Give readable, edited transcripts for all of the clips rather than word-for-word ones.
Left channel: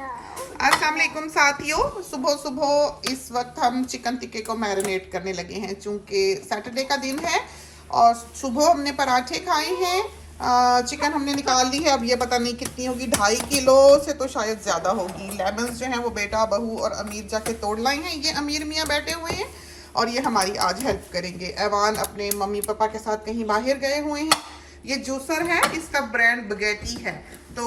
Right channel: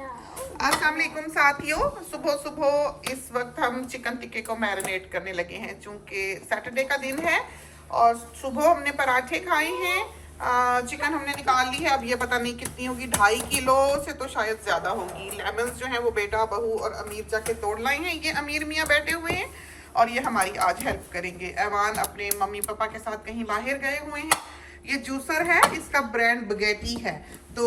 अस्सलाम वालेकुम साथियों, सुबह सुबह इस वक्त हम चिकन टिक्के को मैरिनेट करने लगे हैं चूंकि सैटरडे का दिन है और सुबह हमने पराठे खाए हैं। चिकन हमने निकाल ली है। अब ये पता नहीं कितनी होगी, 2.5 किलो से तो शायद ज़्यादा होगी। लेमन्स जो हैं वो बेटा बहू और अमीर जाके तोड़ लाए हैं। ये अमीर मियाँ बैठे हुए हैं और ये हमारी आज हेल्प करेंगे। ऐवान अपने मम्मी पापा के साथ कहीं बाहर गए हुए हैं। ये जूसर है, इसका ब्रांड बगैटी है। तो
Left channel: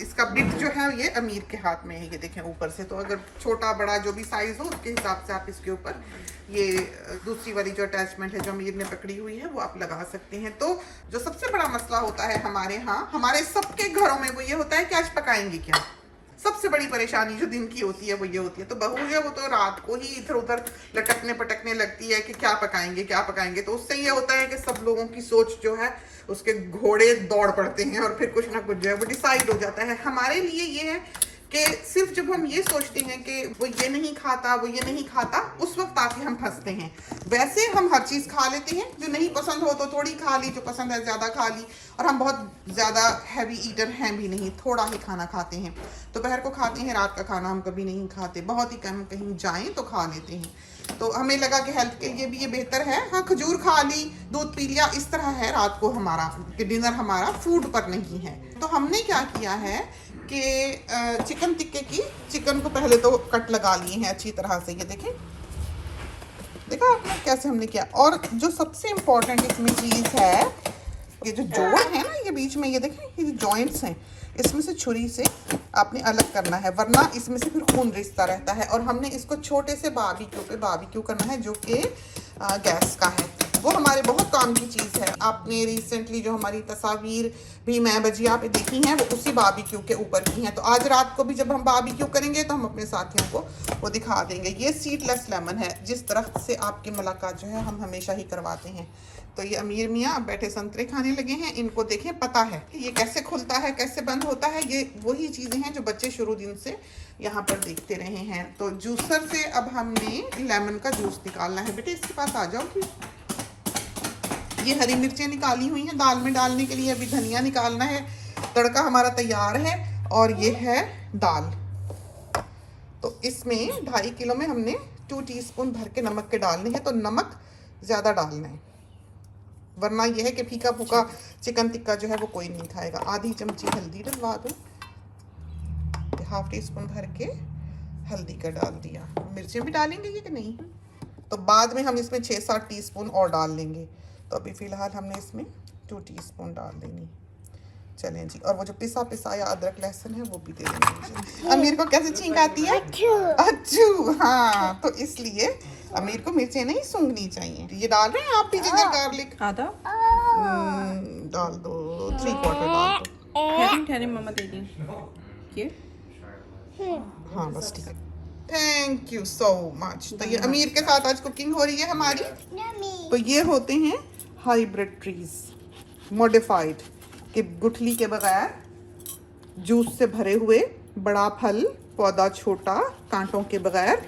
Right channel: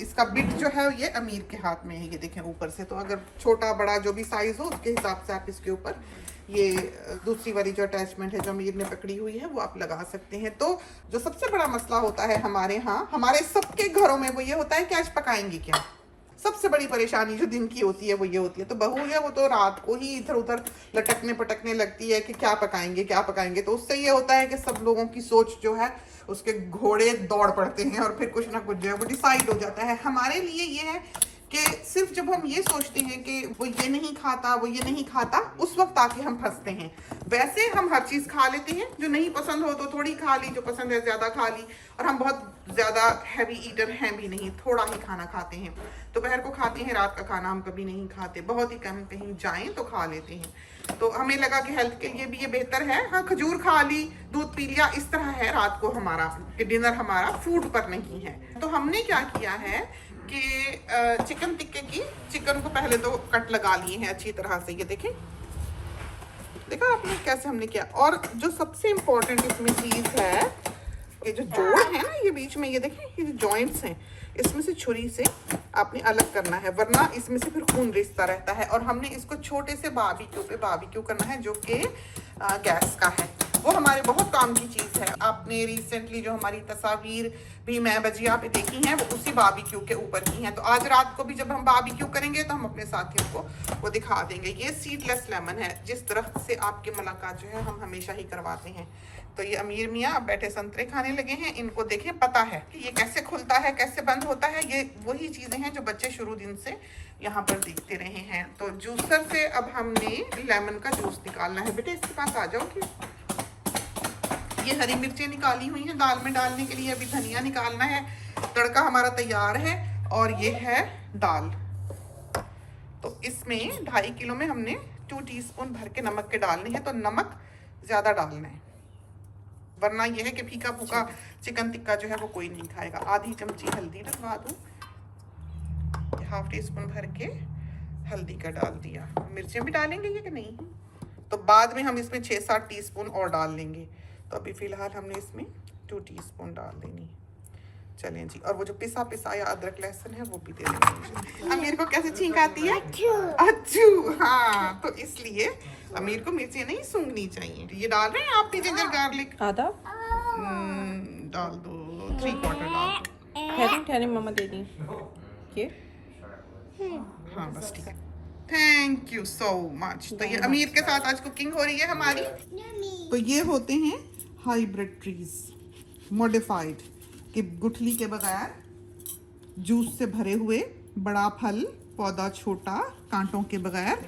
इसका बिट जो है ये अमीर के हाथ में है। ये देखें ऊपर से, तो अगर छोटा बड़ा जो भी साइज हो उसके हिसाब से आप इसके ऊपर ये दूसरी वाली जो अटैचमेंट है जो अमीर ने पकड़ी हुई है वो आप लगा सकते हैं। तो जो सबसे बड़ा मसला होता है हमारे यहाँ, हमारे सबके घरों में, वो ये होता है कि आज पकाएंगे क्या। सबसे बड़ी परेशानी जो दिन की होती है वो ये होती है। तो बहू है वो तो रात को ही इधर उधर लटकने पटकने लगती है कि क्या पकाएंगे क्या पकाएंगे। तो उससे ये होता है कि सब लोगों की सोच जो है उसके घोड़े दौड़ पड़ते हैं और फिर कुछ ना कुछ जो है वो डिसाइड हो जाता है। हमारे लिए ये है कि सिर्फ जब हम ये सोचते हैं कि वो ये नहीं खाता वो ये नहीं खाता, उस वक्त आके हम फंसते हैं। वैसे हम हर चीज़ खा लेते हैं, जो नहीं पसंद हो तो थोड़ी खा ली, जो पसंद है ज़्यादा खा ली। और हम बहुत ज़्यादा हैवी ईटर हैं भी नहीं, थोड़ा ही खाना खाते हैं। दोपहर को खाते हैं, रात का खाना हम कभी नहीं खाते, बहुत ही कम कहीं जाएं तो खा लेते हैं। तो हमें लगा कि हेल्थ के लिए भी ये बेहतर है। हाँ, खजूर खा ली, दूध पी लिया, इस तरह है रात को हमारा कि डिनर हमारा फूड पर नहीं है। तो हमने क्या किया है कि चिकन टिक्के की चिकन को पहले तो कट लगा लिए हैं अच्छी तरह से। ये देखें, देखा आपने कैसे हमने किया। और जो सबसे इम्पोर्टेंट इसमें चीज़ है, ये जो जोड़ है ना ये बीच में, ये देखें ये जॉइंट्स हैं, इसमें से छुरी से आपने अलग करना है, वरना इसमें से फिर खून रिश्ता रहता है। और हमने इसको छोटे से बारबेक्यू करना है जो कि गैस का है। वो हमारे बहुत काम की चीज़ है। आपने रिसेंटली जो हमारी तस्वीर भी मैं भजिया पे देखी हैं वो उसी बारबेक्यू के ऊपर की हैं। तो आज रात को भी जब हम बारबेक्यू करेंगे तो हम अपने साथियों को वो दिखा देंगे। ये सीडलेस लेमन है, जिस तरह से आपकी मुलाकात जो है हम हमेशा ही करवाते हैं। तो ये अमीर मियाँ अब बैठे संतरे खाने लगे हैं। इनको देखें, पता है ये कैसे खुलता है कैसे बंद होता है। ये वही चीज़ें हैं जो बच्चे शुरू दिन से यहाँ पर देखते रहे हैं। तो जूसर से अब हमने लेमन का जूस निकालना है। बेटे इसके पास आ जाओ। ये हरी मिर्चें निकाली हुई हैं दाल में डालने के लिए। अभी धनिया निकालना है। तड़का हमारा तैयार है और ये है दाल। तो इसमें 2.5 किलो में हमने 2 टीस्पून भर के नमक के डालने हैं। तो नमक ज़्यादा डालना है, वरना यह है कि फीका फूका चिकन टिक्का जो है वो कोई नहीं खाएगा। आधी चमची हल्दी डलवा दो, 1/2 टीस्पून भर के हल्दी का डाल दिया। मिर्चें भी डालेंगे कि नहीं, तो बाद में हम इसमें 6-7 टीस्पून और डाल लेंगे। तो अभी फ़िलहाल हमने इसमें 2 टीस्पून डाल देनी। चलें जी, और वो जो पिसा पिसाया अदरक लहसुन है वो भी दे देंगे। अमीर को कैसे छींक आती है? अच्छू। हाँ, तो इसलिए अमीर को मिर्चें नहीं सूंघनी चाहिए। ये डाल रहे हैं आप भी जिंजर गार्लिक? आधा डाल दो, 3/4 डाल दो। ठहरे मम्मा दे दी। हाँ बस ठीक है, थैंक यू सो मच। तो ये अमीर के साथ आज कुकिंग हो रही है हमारी। तो ये होते हैं हाइब्रिड ट्रीज, मॉडिफाइड, कि गुठली के बगैर जूस से भरे हुए, बड़ा फल, पौधा छोटा, कांटों के बगैर।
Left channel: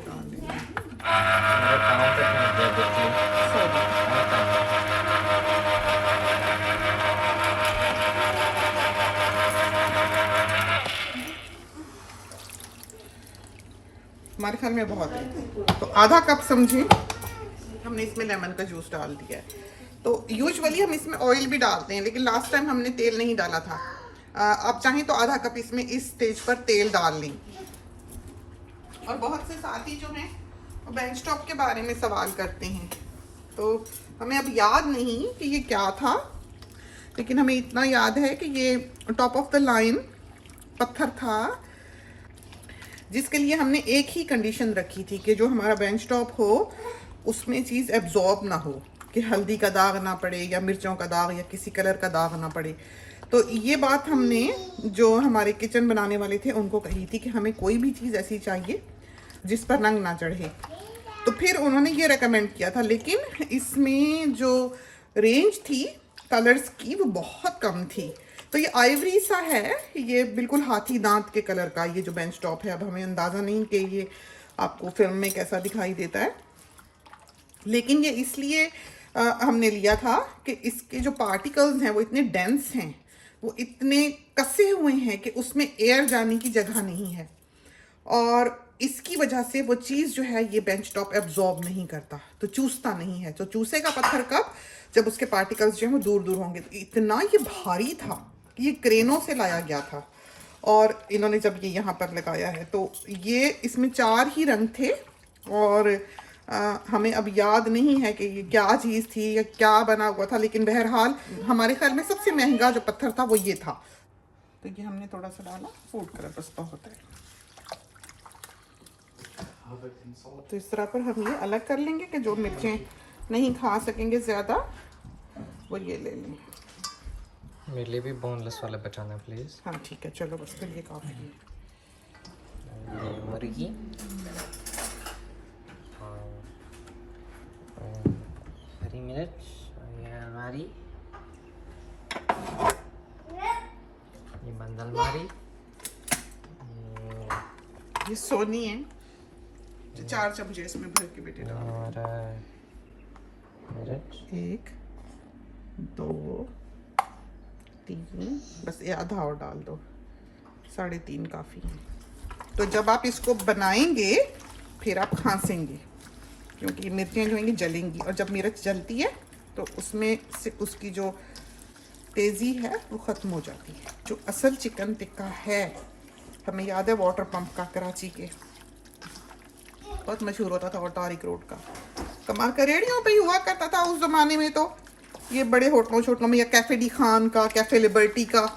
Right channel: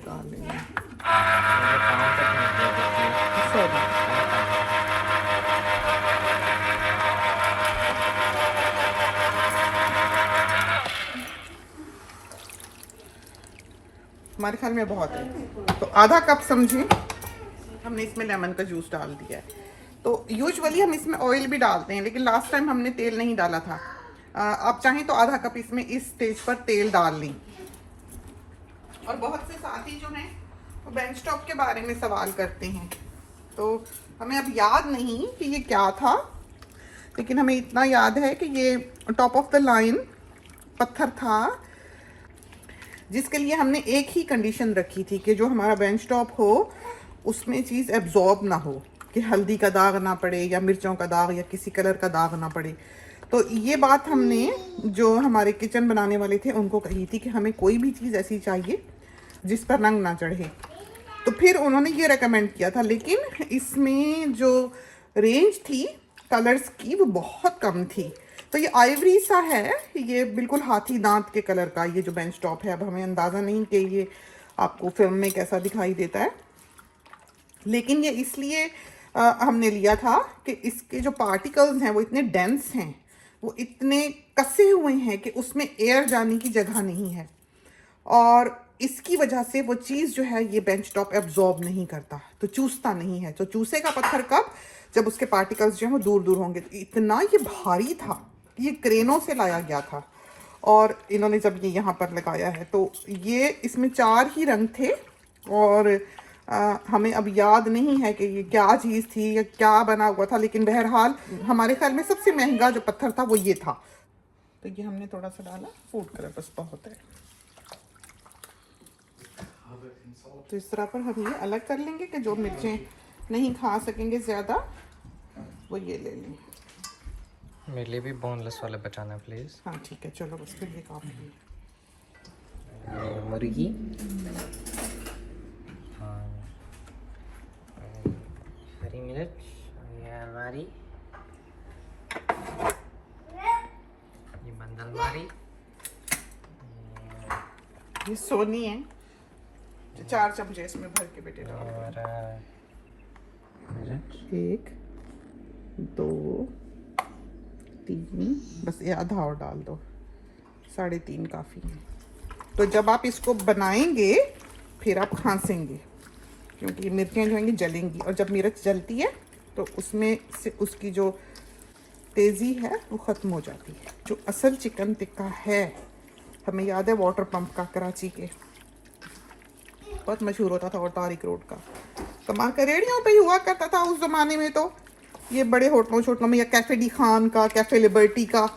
हमारे ख्याल में बहुत है, तो आधा कप समझे हमने इसमें लेमन का जूस डाल दिया है। तो यूजुअली हम इसमें ऑयल भी डालते हैं, लेकिन लास्ट टाइम हमने तेल नहीं डाला था। आप चाहें तो आधा कप इसमें इस स्टेज पर तेल डाल लें। और बहुत से साथी जो हैं वो बेंच टॉप के बारे में सवाल करते हैं। तो हमें अब याद नहीं कि ये क्या था, लेकिन हमें इतना याद है कि ये टॉप ऑफ द लाइन पत्थर था, जिसके लिए हमने एक ही कंडीशन रखी थी कि जो हमारा बेंच टॉप हो उसमें चीज़ एब्जॉर्ब ना हो, कि हल्दी का दाग ना पड़े या मिर्चों का दाग या किसी कलर का दाग ना पड़े। तो ये बात हमने जो हमारे किचन बनाने वाले थे उनको कही थी कि हमें कोई भी चीज़ ऐसी चाहिए जिस पर रंग ना चढ़े। तो फिर उन्होंने ये रेकमेंड किया था, लेकिन इसमें जो रेंज थी कलर्स की वो बहुत कम थी। तो ये आइवरी सा है, ये बिल्कुल हाथी दांत के कलर का ये जो बेंच टॉप है। अब हमें अंदाज़ा नहीं कि ये आपको फिल्म में कैसा दिखाई देता है, लेकिन ये इसलिए हमने लिया था कि इसके जो पार्टिकल्स हैं वो इतने डेंस हैं, वो इतने कसे हुए हैं कि उसमें एयर जाने की जगह नहीं है, और इसकी वजह से वो चीज़ जो है ये बेंच टॉप एब्जॉर्ब नहीं करता, तो चूसता नहीं है। तो चूसेगा पत्थर कब? जब उसके पार्टिकल्स जो हैं वो दूर दूर होंगे। तो इतना ये भारी था कि ये क्रेनों से लाया गया था, और इन्होंने जब ये यहाँ पर लगाया है तो ये इसमें 4 ही रंग थे, और हमें अब याद नहीं है कि ये क्या चीज़ थी या क्या बना हुआ था, लेकिन बहरहाल हमारे ख्याल में सबसे महंगा जो पत्थर था वो ये था। तो ये हमने थोड़ा सा डाला फूड कलर, बस बहुत है। तो इस तरह पर हम ये अलग कर लेंगे कि जो मिर्चें नहीं खा सकेंगे ज़्यादा वो ये ले लें। मेरे लिए भी बोनलेस वाला बचाना प्लीज़। हाँ ठीक है, चलो बस फिर ये काफ़ी है। मुर्गी, हरी मिर्च, ये हमारी, ये बंद अलमारी, ये सोनी है, 4 चमचे इसमें भर के बेटे डाल। और मिर्च, 1 2 3, बस ये आधा और डाल दो, 3.5 काफ़ी है। तो जब आप इसको बनाएंगे फिर आप खांसेंगे, क्योंकि ये मिर्चें जो हैं जलेंगी, और जब मिर्च जलती है तो उसमें से उसकी जो तेज़ी है वो ख़त्म हो जाती है। जो असल चिकन टिक्का है, हमें याद है वाटर पंप का, कराची के बहुत मशहूर होता था, और तारिक रोड का कमाल का रेडियो पे ही हुआ करता था उस ज़माने में। तो ये बड़े होटलों छोटलों में, या कैफ़े डी खान का, कैफ़े लिबर्टी का,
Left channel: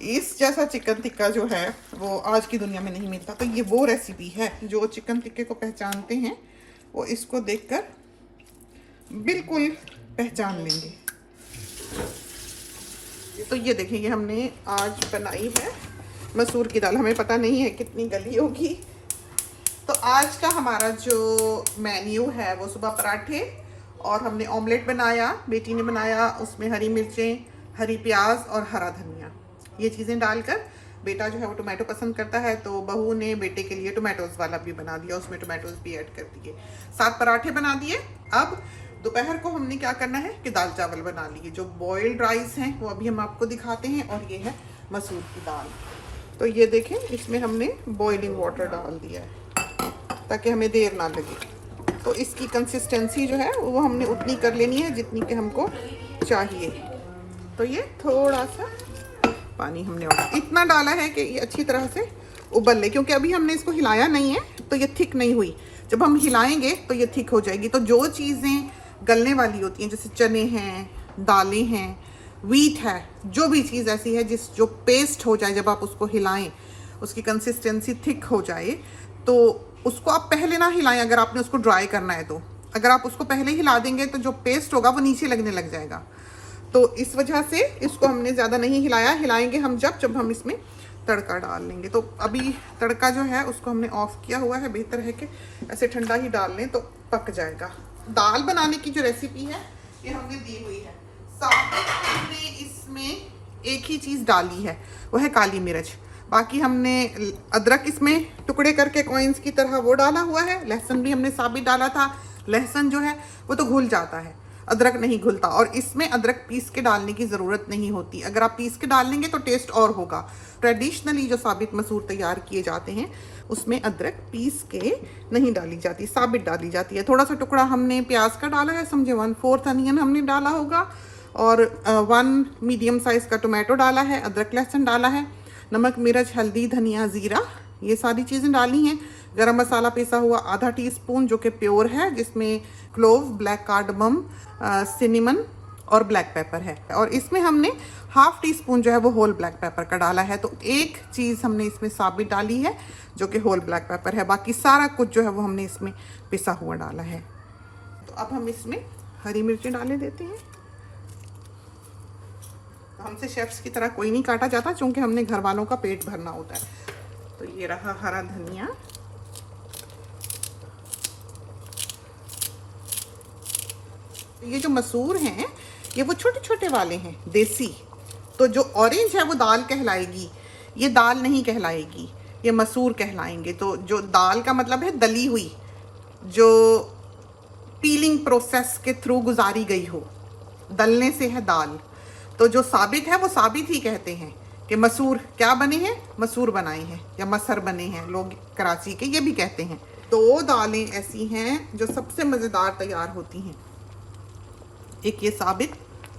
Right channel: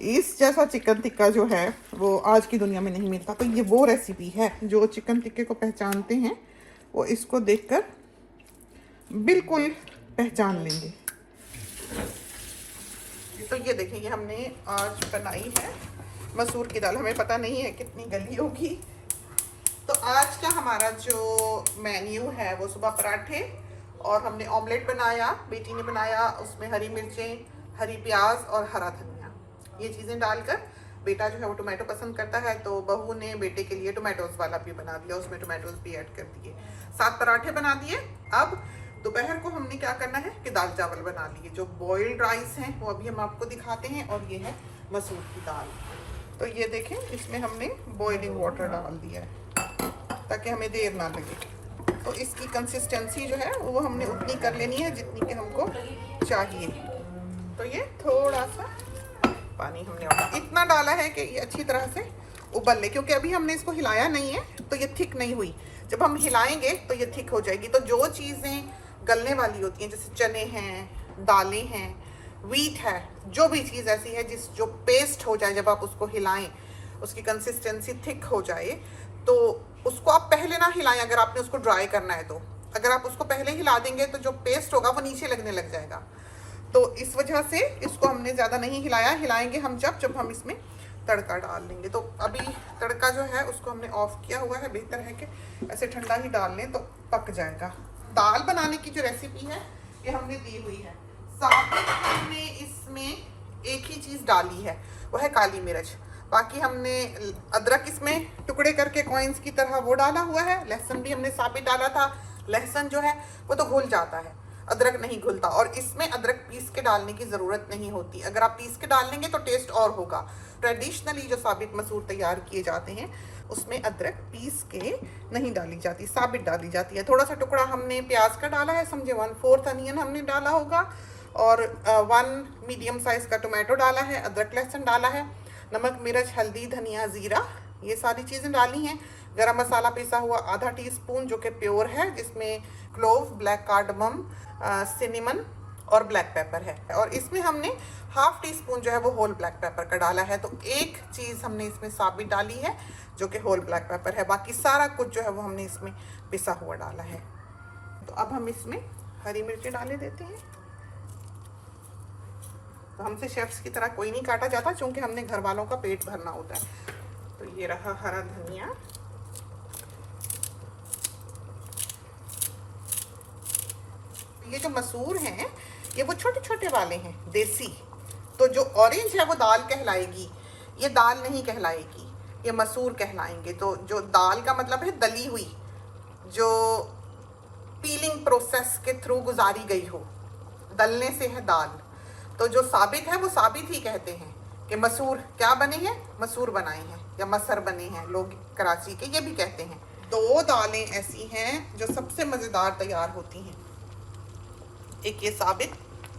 इस जैसा चिकन टिक्का जो है वो आज की दुनिया में नहीं मिलता। तो ये वो रेसिपी है, जो चिकन टिक्के को पहचानते हैं वो इसको देखकर बिल्कुल पहचान लेंगे। तो ये देखिए, ये हमने आज बनाई है मसूर की दाल। हमें पता नहीं है कितनी गली होगी। तो आज का हमारा जो मेन्यू है वो सुबह पराठे, और हमने ऑमलेट बनाया, बेटी ने बनाया, उसमें हरी मिर्चें, हरी प्याज और हरा धनिया, ये चीज़ें डालकर। बेटा जो है वो टोमेटो पसंद करता है, तो बहू ने बेटे के लिए टोमेटोज़ वाला भी बना दिया, उसमें टोमेटोज़ भी ऐड कर दिए, 7 पराठे बना दिए। अब दोपहर को हमने क्या करना है कि दाल चावल बना लिए। जो बॉइल्ड राइस हैं वो अभी हम आपको दिखाते हैं, और ये है मसूर की दाल। तो ये देखें, इसमें हमने बॉइलिंग वाटर डाल दिया है ताकि हमें देर ना लगे। तो इसकी कंसिस्टेंसी जो है वो हमने उतनी कर लेनी है जितनी कि हमको चाहिए। तो ये थोड़ा सा पानी हमने इतना डाला है कि ये अच्छी तरह से उबल ले, क्योंकि अभी हमने इसको हिलाया नहीं है तो ये थिक नहीं हुई। जब हम हिलाएंगे तो ये थिक हो जाएगी। तो जो चीज़ें गलने वाली होती हैं, जैसे चने हैं, दालें हैं, वीट है, जो भी चीज़ ऐसी है जो पेस्ट हो जाए, जब आप उसको हिलाएं, उसकी कंसिस्टेंसी थिक हो जाए, तो उसको आप पहले ना हिलाएं। अगर आपने उसको ड्राई करना है तो अगर आप उसको पहले हिला देंगे तो जो पेस्ट होगा वो नीचे लगने लग जाएगा। तो इस वजह से इसको हमने ज़्यादा नहीं हिलाया। हिलाएंगे हम जब हम इसमें तड़का डाल लेंगे। तो अभी तड़का जो है उसको हमने ऑफ किया हुआ है। बेहतर है कि ऐसे ठंडा ही डाल लें तो पक जाएगा। दाल बनाने की जो रेसिपी है ये हमने दी हुई है। साथ में हमने इसमें एक ही चीज़ डाली है, वो है काली मिर्च। बाकी हमने अदरक इसमें टुकड़े करके कॉइन्स की तरह वो डाला हुआ है। लहसुन भी हमने साबित डाला था। लहसुन जो है वो तो घुल जाता है, अदरक नहीं घुलता, और इसमें अदरक पीस के डालने की ज़रूरत नहीं होती। अगर आप पीस के डाल लेंगे तो टेस्ट और होगा। ट्रेडिशनली जो साबित मसूर तैयार किए जाते हैं उसमें अदरक पीस के नहीं डाली जाती, साबित डाली जाती है। थोड़ा सा टुकड़ा हमने प्याज का डाला है, समझे 1/4 अनियन हमने डाला होगा, और 1 मीडियम साइज़ का टोमेटो डाला है, अदरक लहसुन डाला है, नमक, मिर्च, हल्दी, धनिया, ज़ीरा, ये सारी चीज़ें डाली हैं। गरम मसाला पिसा हुआ आधा टीस्पून जो कि प्योर है, जिसमें क्लोव, ब्लैक कार्डमम, सिनेमन और ब्लैक पेपर है। और इसमें हमने 1/2 टीस्पून जो है वो होल ब्लैक पेपर का डाला है। तो एक चीज़ हमने इसमें साबित डाली है जो कि होल ब्लैक पेपर है। बाकी सारा कुछ जो है वो हमने इसमें पिसा हुआ डाला है। तो अब हम इसमें हरी मिर्चें डाले देते हैं। तो हमसे शेफ्स की तरह कोई नहीं काटा जाता, क्योंकि हमने घर वालों का पेट भरना होता है। तो ये रहा हरा धनिया, ये जो मसूर हैं ये वो छोटे छोटे वाले हैं, देसी। तो जो ऑरेंज है वो दाल कहलाएगी, ये दाल नहीं कहलाएगी, ये मसूर कहलाएंगे। तो जो दाल का मतलब है दली हुई, जो पीलिंग प्रोसेस के थ्रू गुजारी गई हो, दलने से है दाल। तो जो साबित है वो साबित ही कहते हैं कि मसूर क्या बने हैं, मसूर बनाए हैं या मसर बने हैं, लोग कराची के ये भी कहते हैं। 2 दालें ऐसी हैं जो सबसे मज़ेदार तैयार होती हैं, एक ये साबित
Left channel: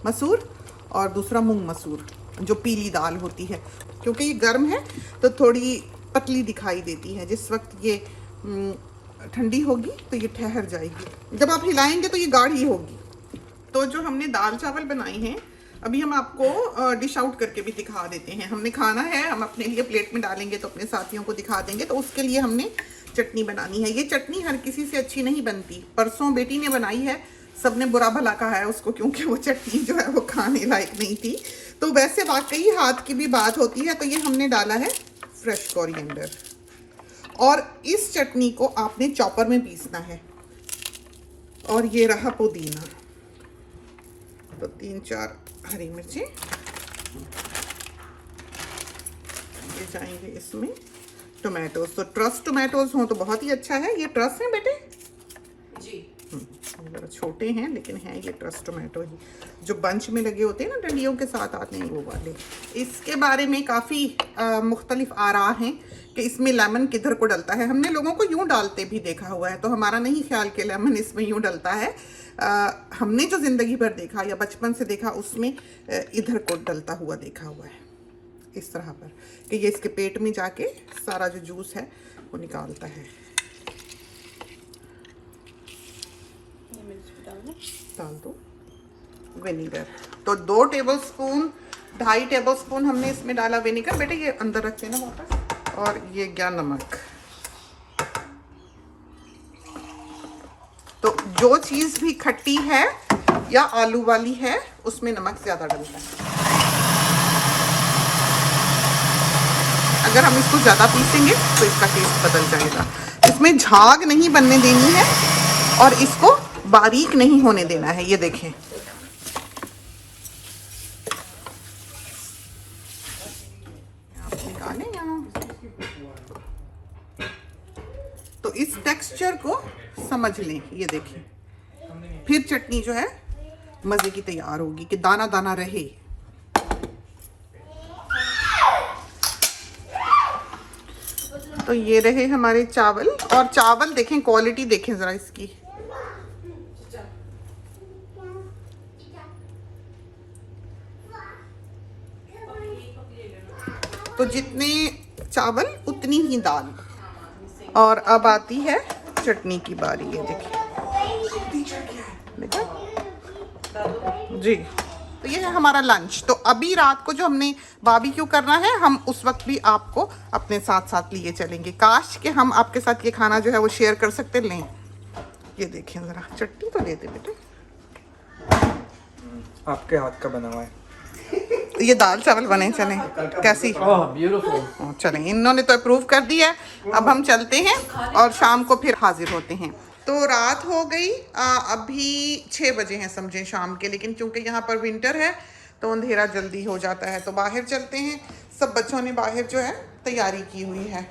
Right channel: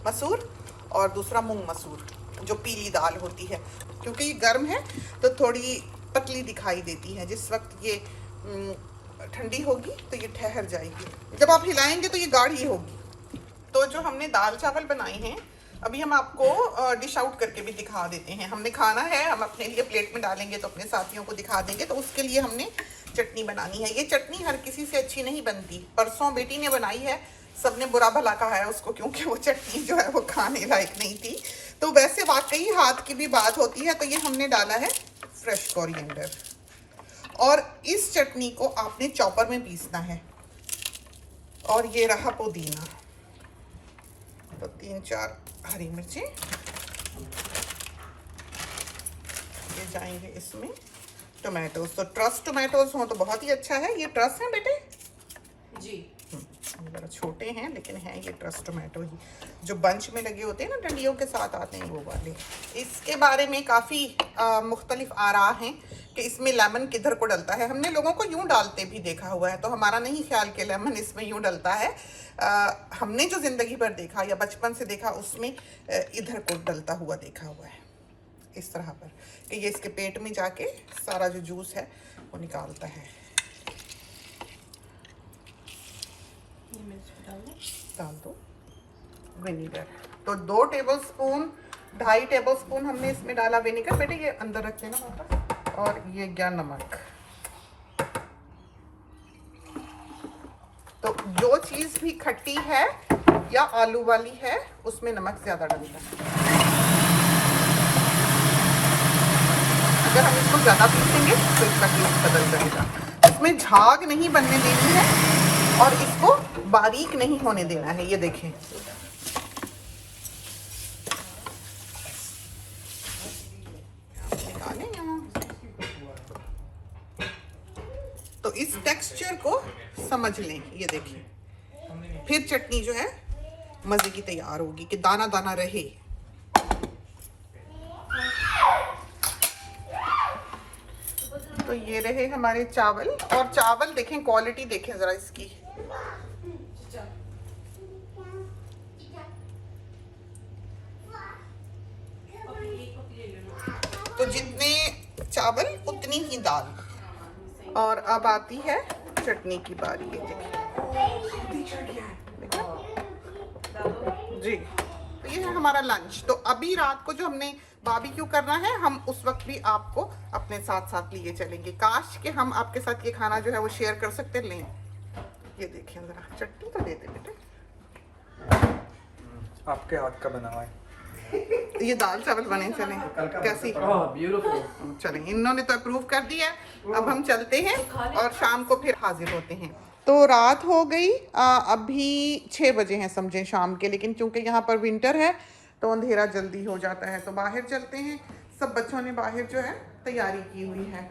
मसूर और दूसरा मूंग मसूर जो पीली दाल होती है। क्योंकि ये गर्म है तो थोड़ी पतली दिखाई देती है, जिस वक्त ये ठंडी होगी तो ये ठहर जाएगी, जब आप हिलाएंगे तो ये गाढ़ी होगी। तो जो हमने दाल चावल बनाए हैं अभी हम आपको डिश आउट करके भी दिखा देते हैं। हमने खाना है, हम अपने लिए प्लेट में डालेंगे तो अपने साथियों को दिखा देंगे। तो उसके लिए हमने चटनी बनानी है। ये चटनी हर किसी से अच्छी नहीं बनती, परसों बेटी ने बनाई है, सबने बुरा भला कहा है उसको क्योंकि वो चटनी जो है वो खाने लायक नहीं थी। तो वैसे वाकई हाथ की भी बात होती है। तो ये हमने डाला है फ्रेश कोरिएंडर और इस चटनी को आपने चॉपर में पीसना है। और ये रहा पुदीना, तो 3-4 हरी मिर्ची ये जाएंगे इसमें। टोमेटोज, तो ट्रस टोमेटोज हो तो बहुत ही अच्छा है। ये ट्रस है बेटे जी, जरा छोटे हैं लेकिन हैं ये ट्रस टोमेटो ही, जो बंच में लगे होते हैं ना, डंडियों के साथ आते हैं वो वाले। इसके बारे में काफ़ी मुख्तलिफ आरा हैं कि इसमें लेमन किधर को डलता है। हमने लोगों को यूं डालते भी देखा हुआ है, तो हमारा नहीं ख्याल कि लेमन इसमें यूं डलता है। हमने जो ज़िंदगी भर देखा या बचपन से देखा उसमें इधर को डलता हुआ देखा हुआ है, इस तरह पर कि ये इसके पेट में जाके सारा जो जूस है वो निकालता है। डाल दो विनेगर, तो 2 टेबलस्पून 2.5 टेबलस्पून हमने इसमें डाला विनेगर। बेटे ये अंदर रखे ना वापस। और ये गया नमक। तो जो चीज़ भी खट्टी है या आलू वाली है उसमें नमक ज़्यादा डलता है। अगर हम इसको ज़्यादा पीसेंगे तो इसका टेस्ट बदल जाएगा। इसमें झाग नहीं बनने देनी है और इसको बारीक नहीं होने देना है। ये देखें, तो इस टेक्सचर को समझ लें। ये देखें, फिर चटनी जो है मज़े की तैयार होगी कि दाना दाना रहे। तो ये रहे हमारे चावल। और चावल देखें, क्वालिटी देखें ज़रा इसकी। तो जितने चावल उतनी ही दाल। और अब आती है चटनी की बारी। ये देखिए जी, तो ये है हमारा लंच। तो अभी रात को जो हमने बारबेक्यू करना है, हम उस वक्त भी आपको अपने साथ साथ लिए चलेंगे। काश कि हम आपके साथ ये खाना जो है वो शेयर कर सकते। लें, ये देखें ज़रा, चटनी तो दे दे बेटे। आपके हाथ का बना हुआ है। ये दाल चावल बने चले कैसी? चलें, इन्होंने तो अप्रूव कर दिया है। अब हम चलते हैं और शाम को फिर हाजिर होते हैं। तो रात हो गई, अभी 6 बजे हैं समझें शाम के। लेकिन चूंकि यहाँ पर विंटर है तो अंधेरा जल्दी हो जाता है, तो बाहर चलते हैं। सब बच्चों ने बाहर जो है तैयारी की हुई है,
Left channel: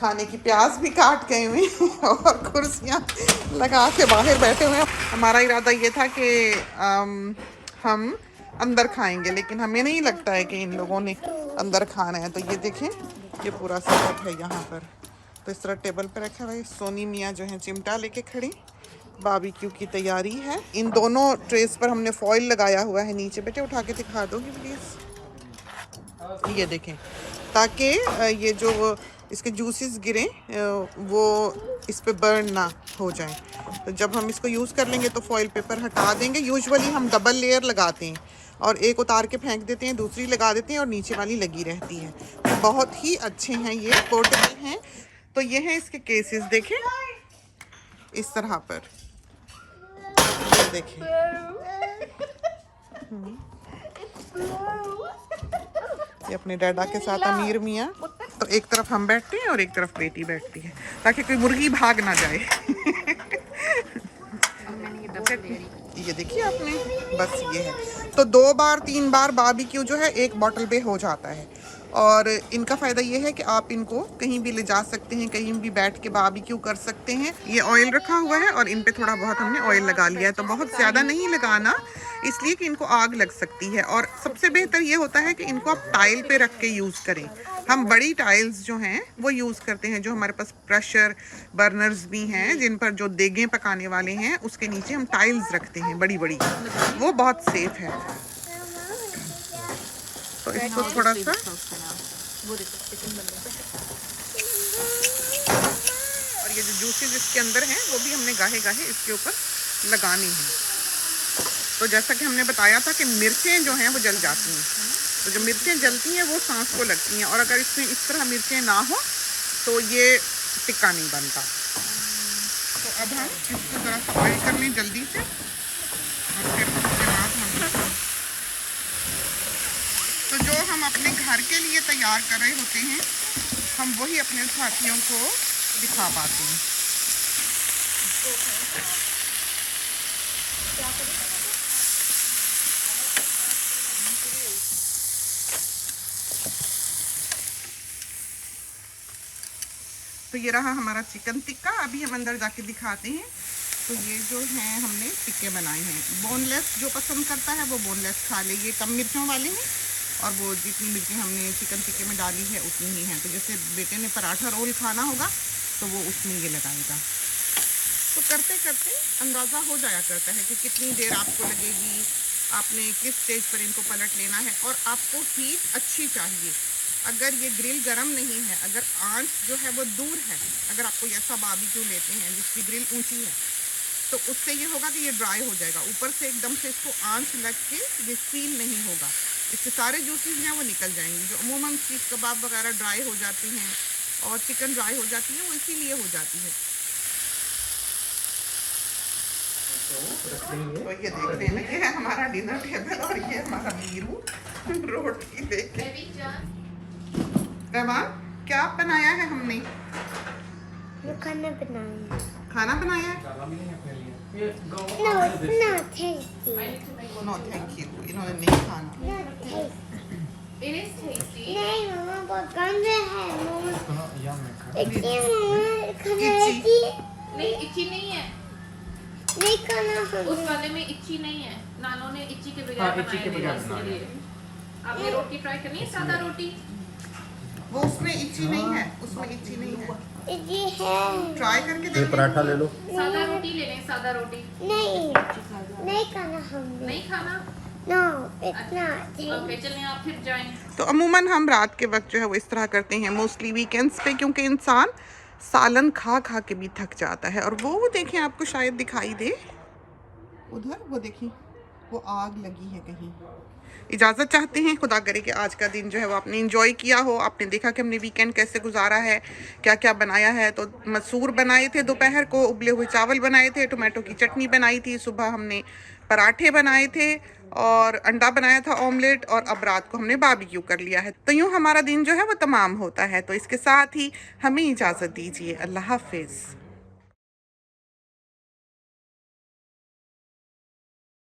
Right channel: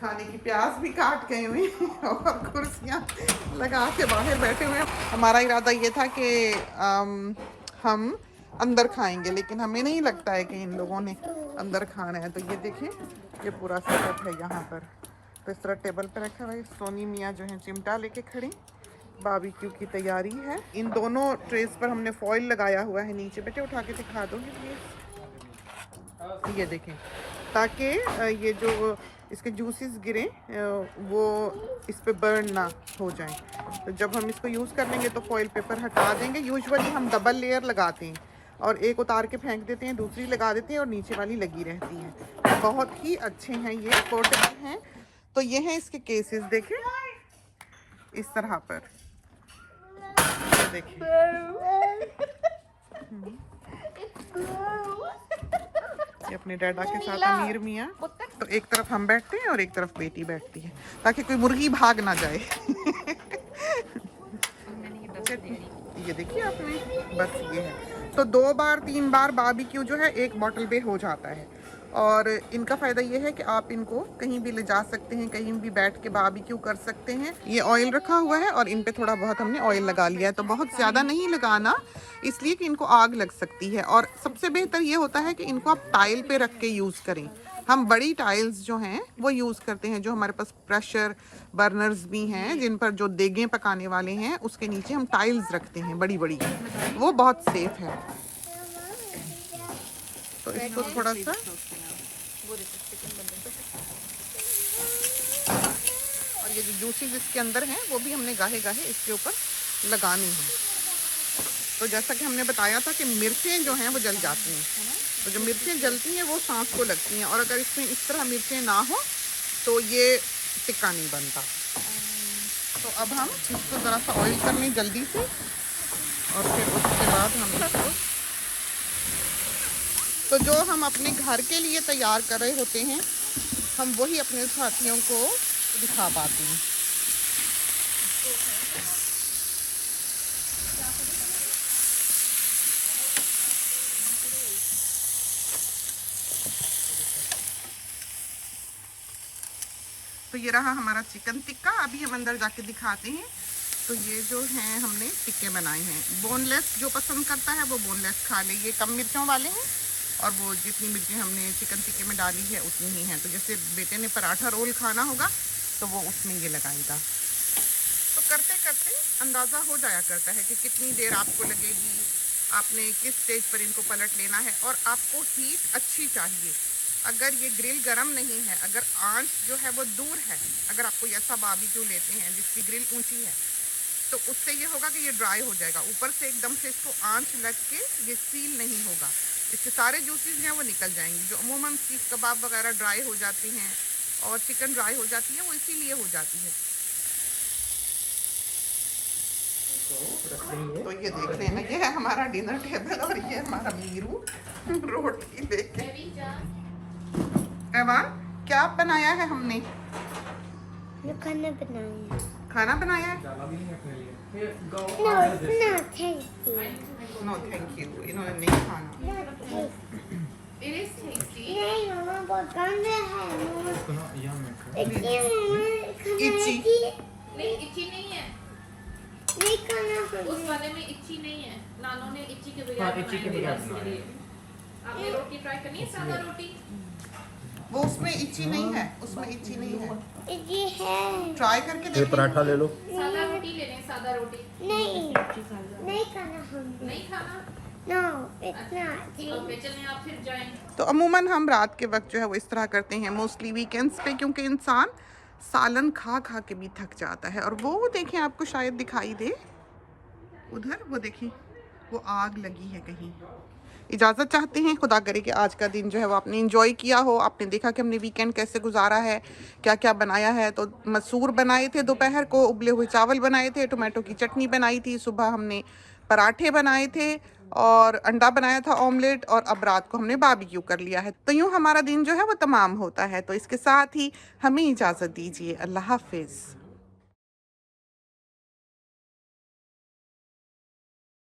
खाने की प्याज भी काट गए हुए और कुर्सियाँ लगा के बाहर बैठे हुए हैं। हमारा इरादा ये था कि हम अंदर खाएंगे, लेकिन हमें नहीं लगता है कि इन लोगों ने अंदर खाना है। तो ये देखें, ये पूरा सेटअप है यहाँ पर। तो इस तरह टेबल पर रखा हुआ है। सोनी मियाँ जो है चिमटा लेके खड़ी, बारबेक्यू की तैयारी है। इन दोनों ट्रेस पर हमने फॉइल लगाया हुआ है नीचे। बेटे उठा के दिखा दोगे प्लीज़? ये देखें, ताकि ये जो इसके जूसेस गिरें वो इस पे बर्न ना हो जाए। तो जब हम इसको यूज़ कर लेंगे तो फॉइल पेपर हटा देंगे। यूजुअली हम डबल लेयर लगाते हैं और एक उतार के फेंक देते हैं, दूसरी लगा देते हैं और नीचे वाली लगी रहती है। तो बहुत ही अच्छे हैं, ये पोर्टेबल हैं। तो ये हैं इसके केसेस, देखें इस तरह पर। ये देखिए, ये अपने डैडा के साथ अमीर मियाँ। तो एक तरफ हम बैठते हैं और एक तरफ बेटी बैठती है, ताकि कोई मुर्गी भाग ना जाए। ये देखिए आपने, बस ये है। तो 2 बार 3 बार बारबेक्यू जो है 1 बॉटल पे हो जाता है। और इनका फ़ायदा ये है कि आप इनको कहीं भी ले जा सकते हैं, कहीं भी बैठ के बारबेक्यू कर सकते हैं। ये ऑयल रखा हुआ है और इन पे थोड़ा बहुत हमने ऑयल लगा लिया है, तो बहुत ज़्यादा नहीं लगाना, इसलिए कि इनको आग लग सकती है। और सबसे बेहतर ये होता है कि इनको आप टाइल पे रख के यूज़ करें। हम बड़ी टाइल्स जो हैं वो यूज़ करते हैं, जो हमारे पास प्रेशर बर्नर्स भी हैं जिन पर जो देगें पकाने वाले हैं, उसके नीचे हम टाइल्स रखते हैं बड़ी बड़ी, वो बहुत सेफ है। तो इसको थोड़ा सा और ये जो जूसेस इसके अंदर हैं वो भी हमने गाहे गाहे इसके ऊपर लगानी हैं। तो जैसा कि हमने बताया था कि मिर्चें जो हैं वो जल जाती हैं, तो जो मिर्चें जलती हैं वो सांस को लगती हैं, और अगर इसमें इस तरह मिर्चें ना हो तो ये टिक्का नहीं बनता। तो अब हम इसको ज़रा सा ऑयल करने जल्दी से, और फिर उसके बाद हम इसको, तो जो हम अपने घर के लिए तैयार कर रहे होते हैं हम वही अपने साथियों को दिखा पाते हैं। तो ये रहा हमारा चिकन टिक्का। अभी हम अंदर जाके दिखाते हैं। तो ये जो हैं हमने टिक्के बनाए हैं, बोनलेस जो पसंद करता है वो बोनलेस खा ले, ये कम मिर्चों वाले हैं, और वो जितनी मिर्चें हमने चिकन टिक्के में डाली है उतनी ही हैं। तो जैसे बेटे ने पराठा रोल खाना होगा तो वो उसमें ये लगाएगा। तो करते करते अंदाज़ा हो जाया करता है कि कितनी देर आपको लगेगी, आपने किस स्टेज पर इनको पलट लेना है, और आपको हीट अच्छी चाहिए। अगर ये ग्रिल गर्म नहीं है, अगर आंच जो है वो दूर है, अगर आप कोई ऐसा बारबेक्यू लेते हैं जिसकी ग्रिल ऊंची है, तो उससे ये होगा कि ये ड्राई हो जाएगा, ऊपर से एकदम से इसको आंच लग के ये सील नहीं होगा, इसके सारे जूसेस हैं वो निकल जाएंगे। जो अमूमन सीख कबाब वगैरह ड्राई हो जाती हैं और चिकन ड्राई हो जाती है, वो इसीलिए हो जाती है। तो ये देख रहे हैं, ये है हमारा डिनर टेबल और ये हमारा मीरू रोटी लेके। रहमान, क्या बनाया है हमने? खाना बनाया। खाना बनाया है? नो थैंक यू, इन्होंने नहीं खाना। नहीं मम्मा बहुत गंदा है। इतनी मम्मा खाना इच्ची। नहीं इच्छी नहीं है, नहीं खाना उस वाले में इच्छी नहीं है। नानो ने इच्छी के बगैर बनाया। आपने रोटी ट्राई करनी है, सादा रोटी? वो उसमें इच्ची नहीं है, उसमें इच्ची नहीं है, ये है। ट्राई करके ये देखो। पराठा ले लो। सादा रोटी ले लें, सादा रोटी। नहीं खाना हमने। नहीं खाना? नो इतना ओके चलें, आप फिर जाएं। तो अमूमन हम रात के वक्त जो है वो इस तरह करते हैं, मोस्टली वीकेंड्स पे, क्योंकि इंसान सालन खा खा के भी थक जाता है। और वो देखें, आपको शायद दिखाई दे उधर, वो देखिए वो आग लगी है कहीं। इजाज़त चाहते हैं, खुदा करे कि आज का दिन जो है वो आपने इंजॉय किया हो, आपने देखा कि हमने वीकेंड कैसे गुजारा है, क्या क्या बनाया है। तो मसूर बनाए थे दोपहर को, उबले हुए चावल बनाए थे, टोमेटो की चटनी बनाई थी, सुबह हमने पराठे बनाए थे और अंडा बनाया था ऑमलेट, और अब रात को हमने बारबेक्यू कर लिया है। तो यूँ हमारा दिन जो है वो तमाम होता है। तो इसके साथ ही हमें इजाज़त दीजिए। अल्लाह हाफिज़।